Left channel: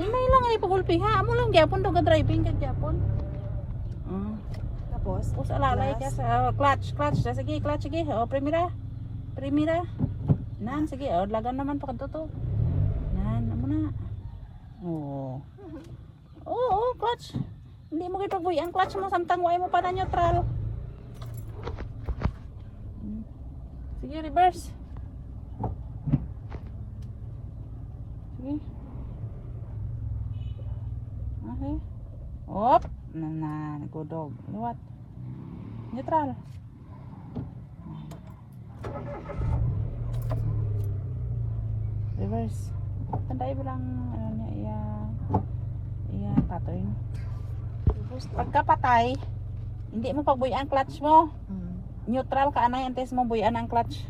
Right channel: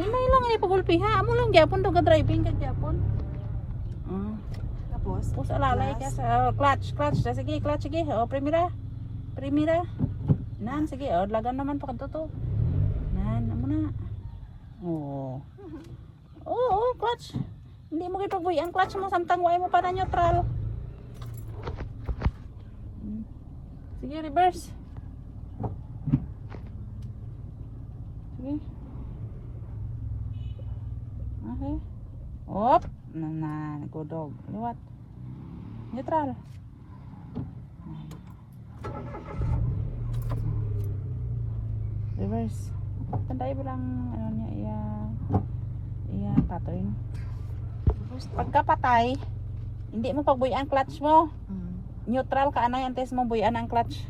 May lang ay pagulpi ha. Amo lang gyapon to ga driving ka gyapon. Tapos, Tapos alalay ka sa clutch. Sige, clutch sige. O primera. Nan sige, o lagan naman pa kadto to. Nan amo na. Oo, clutch. Hindi mo kay pagbuy ang clutch mo samtang mo pa na neutral. Sige, reverse. Sige. Okay. Op. Nagudog. Liwat. Neutral. Reverse. Tandai bilang ano niya iya pattern. Pagka patay, hindi mo pagbuyan ang clutch mo. Neutral ka anay antes mo buyan ang clutch.